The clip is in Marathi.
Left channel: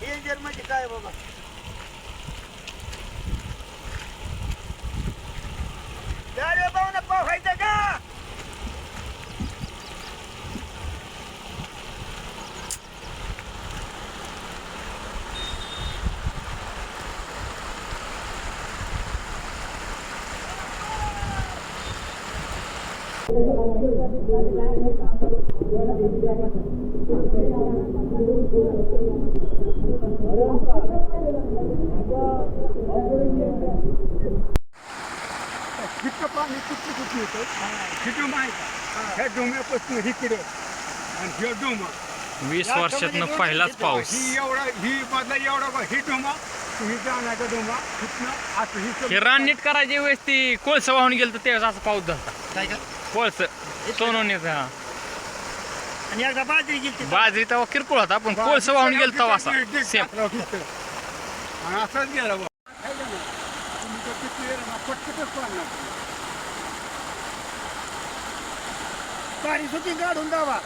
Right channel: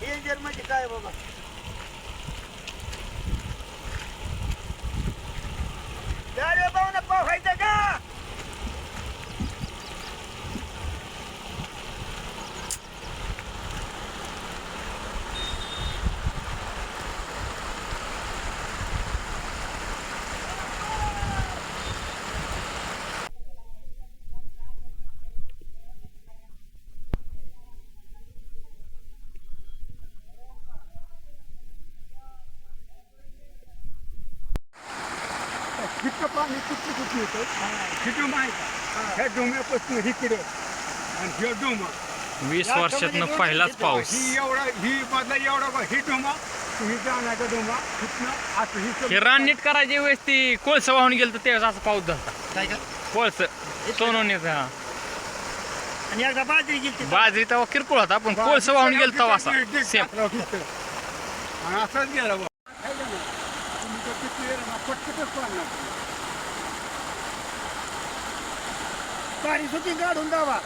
डेंजर म्हणजे काय बाबा? अरे भाऊ पोहायचं का? इतकं पाणी कुठलं कुठलं येतं हे डोम आहे का? ह्या डोम्यापासून इकडं आणि हे डोमा 20 वर्षातनं पहिलाच पाऊस. ही एवढा ही मधला एवढा ही डोमा ही जाण्याचा डोमा तिथनं असं ही हे रान नीट करायची वेळेस ती कोळसं वाहून गेलं तर त्यावेळेस असा पाऊस झाला. काय का? कोळसं सोनवण्याचा आणि एकदा बाजरी गेली बाजरी तेव्हा किरकोळ होता पण कोळसं वाहून गेलं तेव्हा असा सेम. आणि असंच गेलं बा. पाणी सुटी काढून द्यावा.